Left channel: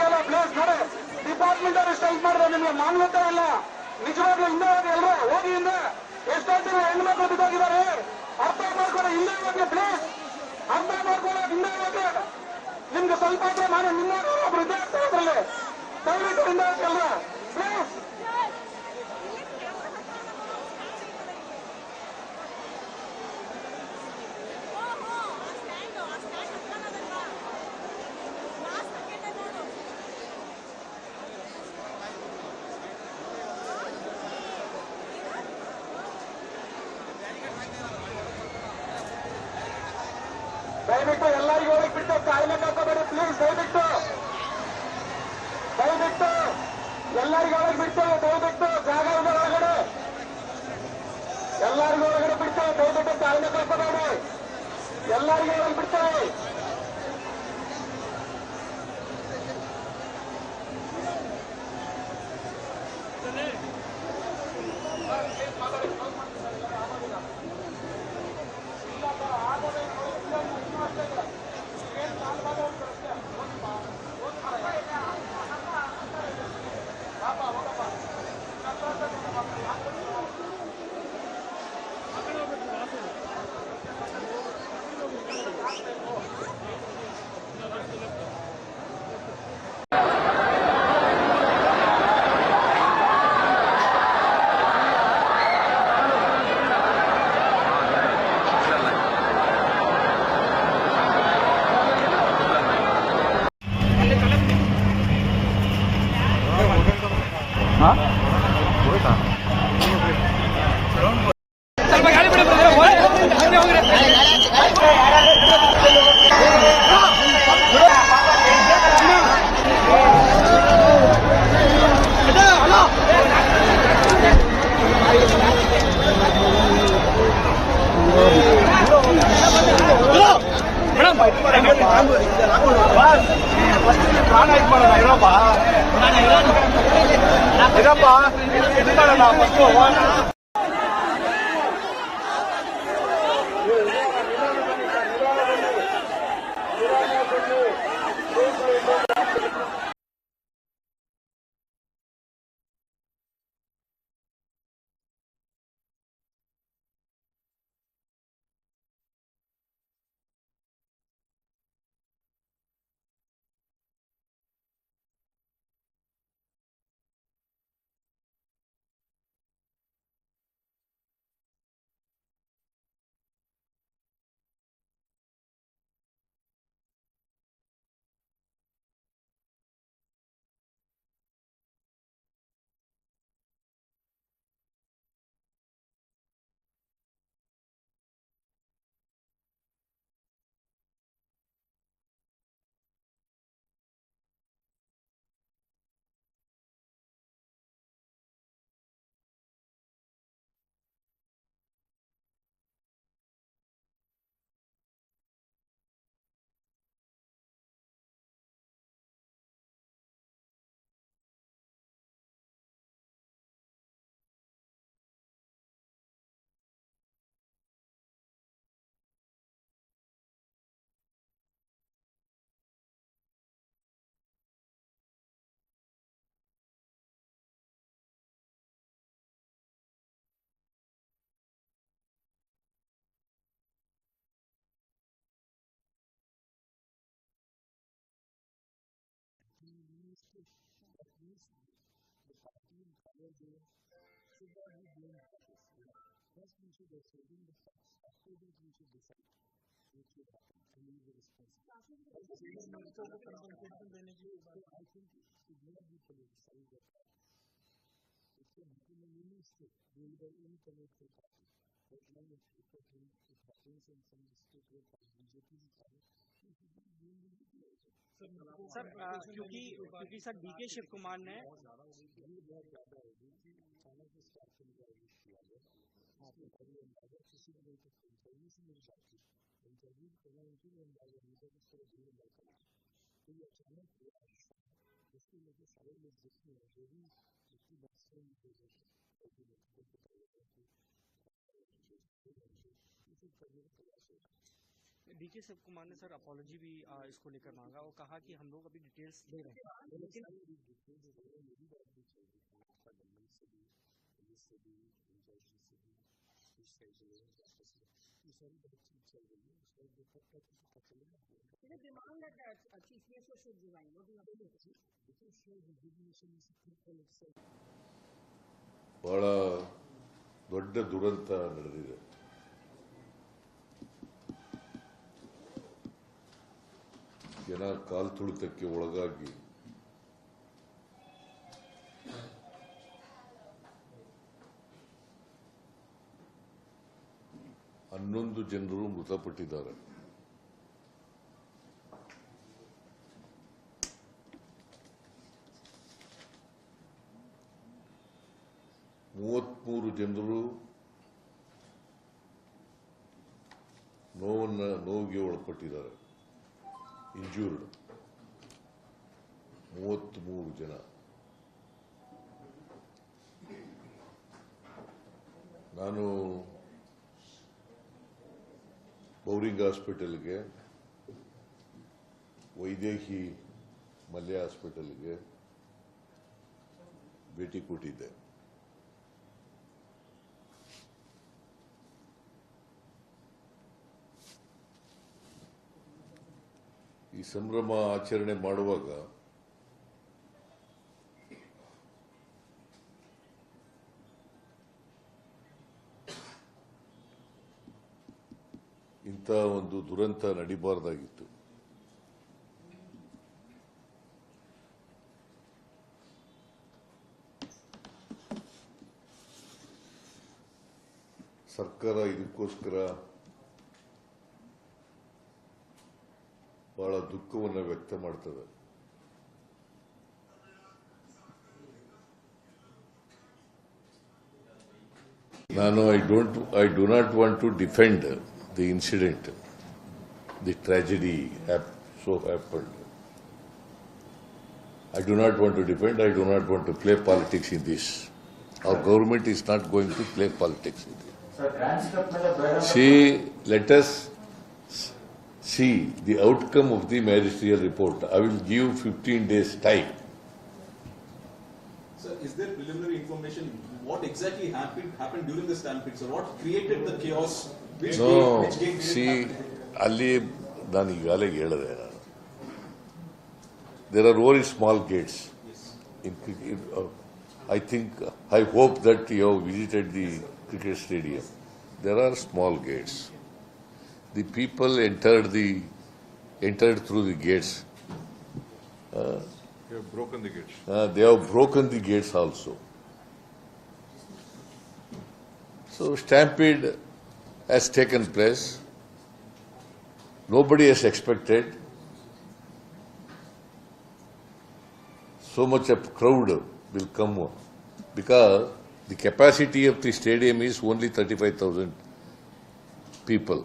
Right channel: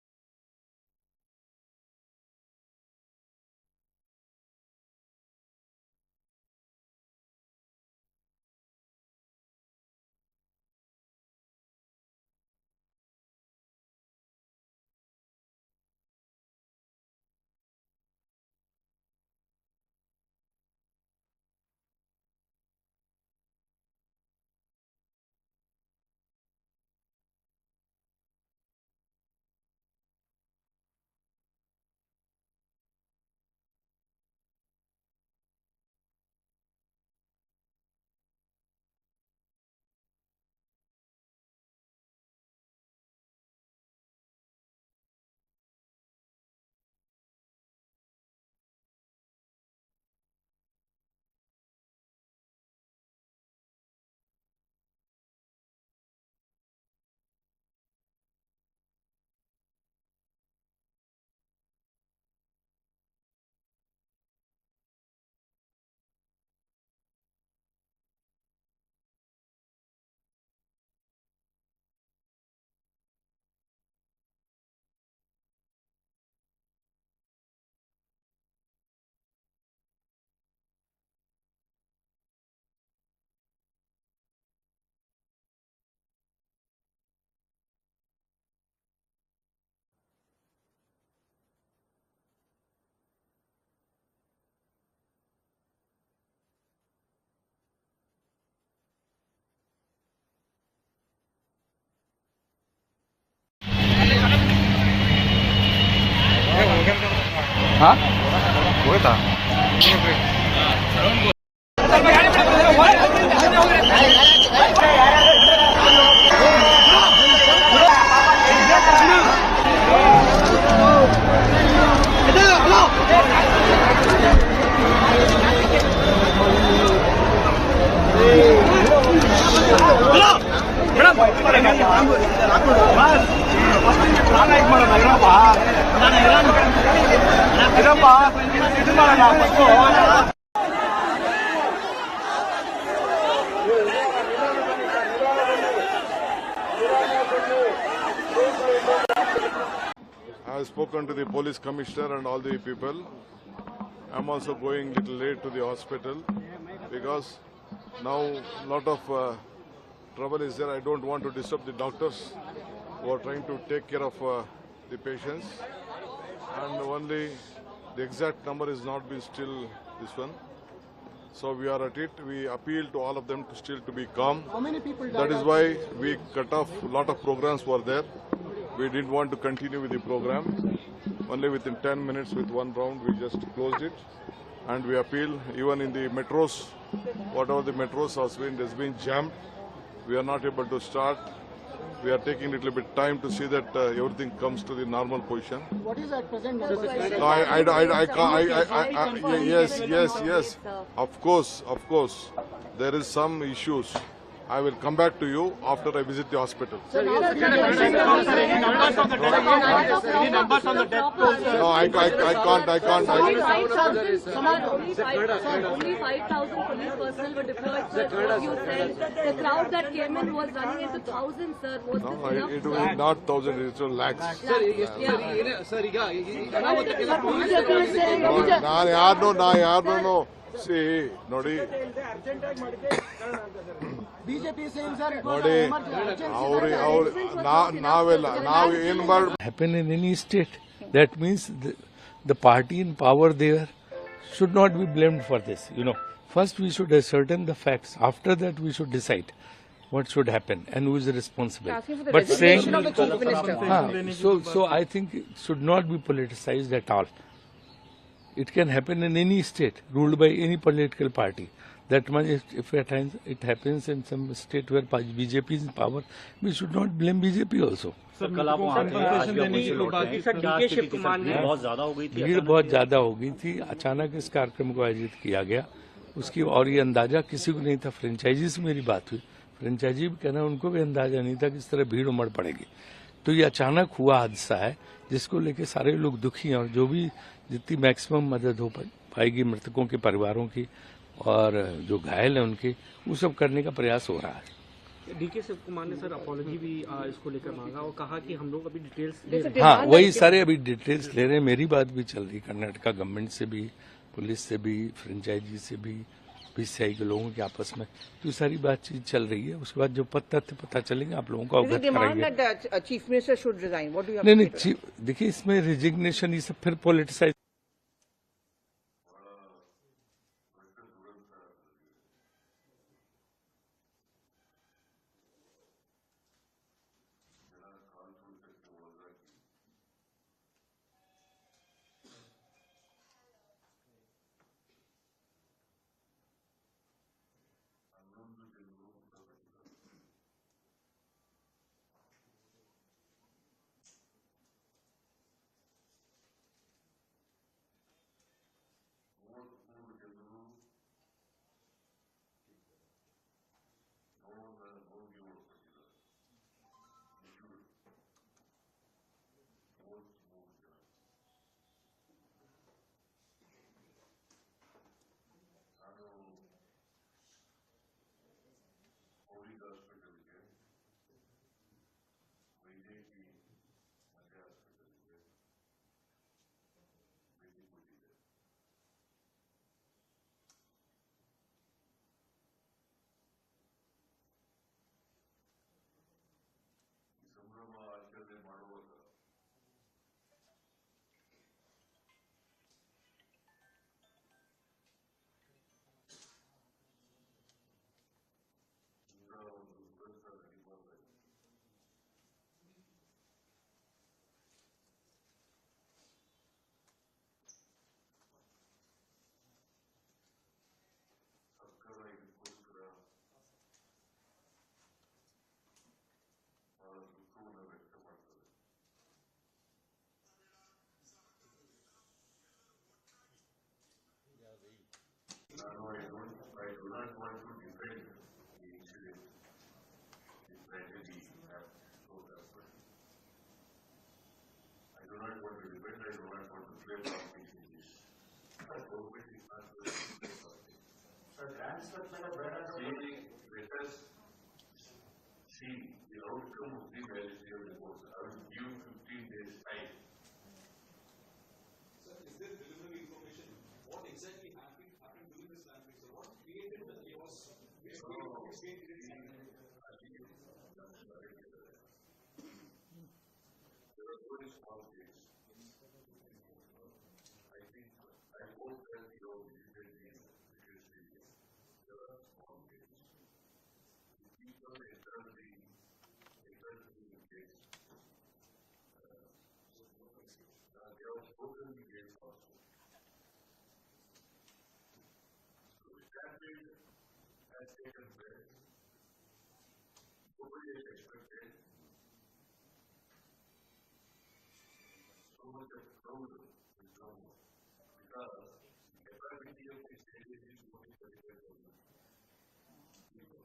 ಕೇಳ ಪ್ಲೇಸ್ ನೋಡಿ. ಡಿಪಾರ್ಟ್ಮೆಂಟ್ ಅವರು ಸ್ಟ್ರೈಕ್ ಮಾಡಿದ್ರೆ ನಿಮ್ಗೆ ಮಾನ್ಯತೆ ಇಲ್ಲ. ನಿಜವಾಗ್ಲೂ ಹಿಂದೆ ಹೋಗಿ ಎಲ್ಲರೂ ಹೋಗಿ ಹಿಂದೆ. ಎಷ್ಟೊತ್ತಿನ ಹೆಣ್ಮಕ್ಳು ಬಿದ್ದೋಗಿದ್ದಾರೆ ಅರ್ಥ ಮಾಡ್ಕೊಳ್ಳೋ. ಹಿಂದೆ ಹೋಗಿ ಪ್ಲೇಸ್ ಅರ್ಥ ಮಾಡ್ಕೊಳ್ಳೋ. ಹಿಂದೆ ಹೋಗಿ ನಿಮ್ಗೆ ಸ್ವಲ್ಪ ನಾನು ನಿನ್ನ ಒಬ್ರು ವಿದ್ಯಾರ್ಥಿ ಅದರಲ್ಲಿ ದಯವಿಟ್ಟು ಹಿಂದೆ ಹೋಗಿ ಎಲ್ಲರೂ ಪ್ಲೇಸ್. ದಯವಿಟ್ಟು ಎಲ್ಲರಿಗೂ ಒಳಗೆ ಬಿಟ್ಟು ಕಾಯಿಲೆ ಹಾಕೋಬೇಡಿ ಪ್ಲೀಸ್. ದಯವಿಟ್ಟು ಎಲ್ಲರಿಗೂ ಒಳಗೆ ಬಿಟ್ಟು ದಯವಿಟ್ಟು ಜಾಗ ಇದೆ ಒಳಗಡೆ. ಎಲ್ಲರಿಗೂ ಒಳಗಡೆ ಬಿಟ್ಟು ದಯವಿಟ್ಟು ಕಾಯಿಲೆ ಹಾಕೋಬೇಡಿ. ಎಲ್ಲರಿಗೂ ಒಳಗೆ ಬಿಡ್ತಾರೆ. हाँ वो था I have spoken to the police commissioner and all the people. I am also going a little late to the hospital because now lot of trouble is there. I don't want to disturb the doctors who are trying to take care of the patients, and only the exact number is not been still this one. So we are at it. We appeal to all of them to still to be calm. How many people died? That is why we cut off. A lot of programs were there. We didn't want to continue with the program. Only within 10 minutes with one round we just closed it. And we appeal even in the metros, whatever the metros has been jammed. We are not able to start. We are taking a little bit time to see that everything comes to the normal position. What is at present? Yes. Of course. There is some issues. I will come back to you after I visit the hospital. Any numbers on the death toll? No, I can't. Only 5,000 police personnel were deployed, sir. What you said, the crowd that came in was running into thousands, sir. Was No, this enough? it was not thousands, it was lakhs. ನಾನು ಯಾರನ್ನೂ C ನೋಡಿ ನಾವು ಏನು ಮಾಡಿ happen in any state. That means the party in power there should not be blamed for this. First we should ascertain the facts. After that we should decide what should happen and who is responsible. But saying so I think it should not be politicized at all. It can happen in any state ruled by any political party. That much, if at times it happens in some state where BJP is in power, we should not blame BJP also. भीड़ बहुत ज्यादा हो गई थी. अचानक इस कार्यक्रम को आयोजित किया गया. उसकी और ये अंदाजा किसी को नहीं था. फ्रेंचाइजी से मेरी बात हुई. फ्रेंचाइजी भी कहना उनको भी अंदाजा नहीं था कि इस तरह भीड़ उमड़ पड़ेगी. तो ये अचानक हुआ हादसा है जिसको लेके सारे लोग दुखी हैं और जो भी जितनी मैक्सिमम मदद हो पाएगी मृतकों के परिवारों की और जो घायल हैं उनके वो सब करने का प्रयास हो रहा है. डीके शिव कुमार ने सर अपॉलॉजी भी इसको लेकर मांगा और कहा कि हम लोग अभी डिटेल्स ले रहे हैं। हाँ, वही सारे अभी डिटेल्स ले रहे हैं। मेरी बात भी चल रही कर्नाटका गवर्नमेंट से भी, पुलिस से भी, फ्रेंचाइजी से भी, बीसीआई के लोगों के आपस में, तो सारी बातचीत चल रही है। उसके बाद जो तथ्य पता चलेंगे आप लोगों को अवगत कराएंगे। Chief minister should resign, what do you नहीं, देखिए इसमें रिजिग्नेशन ये सब फिर पॉलिटिसाइज ಬಹಳ ದೊಡ್ಡ ದುರಂತ ನಡೆದಿದೆ. ಜನ ಕಾಲ್ತುಳಿತಕ್ಕೆ ಒಳಗಾಗಿ ಹನ್ನೊಂದು ಜನರು ಮೃತಪಟ್ಟಿದ್ದಾರೆ. ಮೂವತ್ಮೂರು ಜನರು ನೋವಿಗೆ ಒಳಪಟ್ಟಿದ್ದಾರೆ. ಇಂಜೂರ್ಡ್ 33 ಜನ. ನಾನು ಬೌರಿಂಗ್ ಹಾಸ್ಪಿಟಲ್ಗೆ, ವೈದೇಹಿ ಮಲ್ಯ ಹಾಸ್ಪಿಟಲ್ಗೆ ಭೇಟಿ ಕೊಟ್ಟಿದ್ದೆ. ಈ ಸಂಭ್ರಮ ಆಚರಣೆ ಮಾಡುವಾಗ ಇಂಥ ಒಂದು ದುರಂತ ನಡಿಬಾರ್ದಾಗಿತ್ತು. ಸರ್ಕಾರ ಇದಕ್ಕೋಸ್ಕರ ಬಹಳ ದುಃಖವನ್ನು ವ್ಯಕ್ತ ಮಾಡ್ತದೆ. ನಾನು I do not want to defend the incident, the tragedy so happened. I do not want to defend, I do not want to play politics in this. Our government is not going to play politics in this. See, let us see the outcome of the magisterial report. I will give 15 days time. Sir, is there preliminary information? What exactly happened during the stampede? So what created the chaos? Which gate see, ಅಲ್ಲಿ ನಾನು ಈಗಾಗಲೇ ಹೇಳಿದೆ. There are very small gates. I hope that you have visited the cricket stadium. There are small gates. The people entered through the gates. They have broken the gates. They have broken the gates also. So stampede has taken place. Nobody has expected so much a crowd will come, because the capacity of the stadium is only 35,000 people.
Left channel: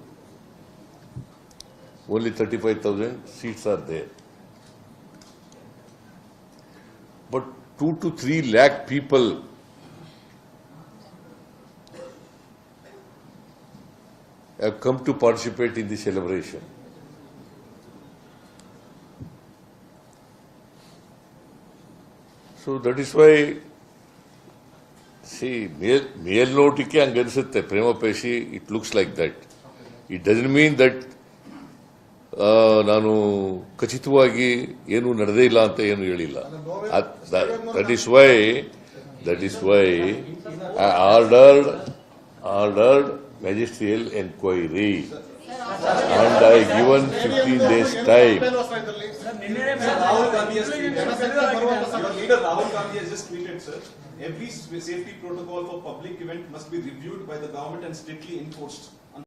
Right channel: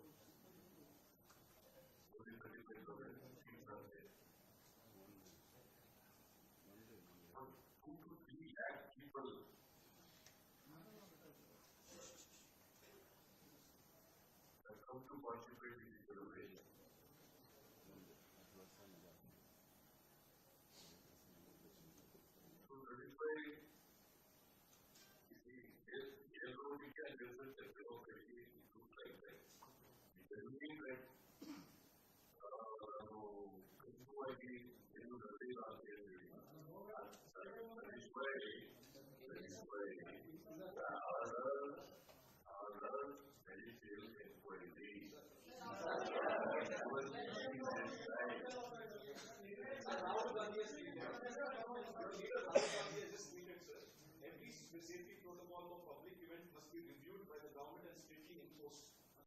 Only 35,000 seats are there. But 2 to 3 lakh people have come to participate in the celebration. So that is why, see, ಮೇಲ್ನೋಟಕ್ಕೆ ಹಂಗನ್ಸುತ್ತೆ, ಪ್ರೇಮ ಪೇಶಿ, it looks like that. It doesn't mean that ನಾನು ಖಚಿತವಾಗಿ ಏನು ನಡೆದೇ ಇಲ್ಲ ಅಂತ ಏನು ಹೇಳಿಲ್ಲ. That is why I ordered magisterial inquiry and I given 15 days time. Rahul Gandhi has tweeted. Your leader Rahul Gandhi has just tweeted, sir. Every safety protocol for public event must be reviewed by the government and strictly enforced.